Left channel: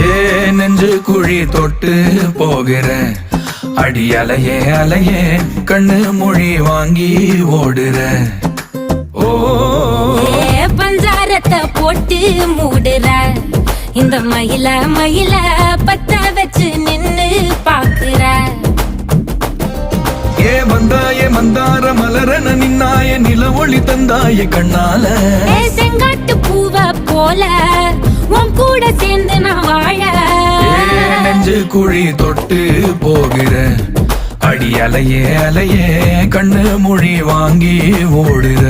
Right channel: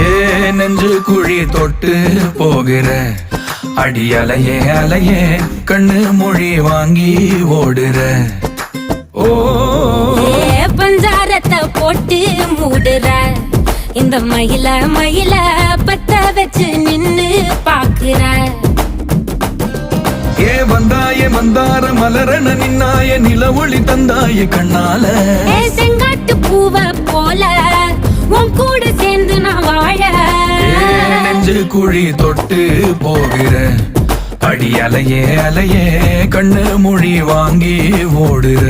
ஏ நெஞ்சு குழி தொட்டு போகிற அடி அலையே அலையே கண்ணு மொழி வாங்கி ஓடுற. ஓ பஞ்சாரத்தை போட்டு மூடுற இந்த மயில மயில பத்த வச்சு நின்னு பாக்குற. ஏ வந்தாய மந்தார மலரன நின்னாய நில ஒளி தந்தாய கண்ணால. செங்காட்டு பூவ போல உன் கூட சேர்ந்து நான் வாழ. நெஞ்சு குழி தொட்டு போகிற அடி அலையே அலையே கண்ணு மொழி வாங்கி ஓடுற.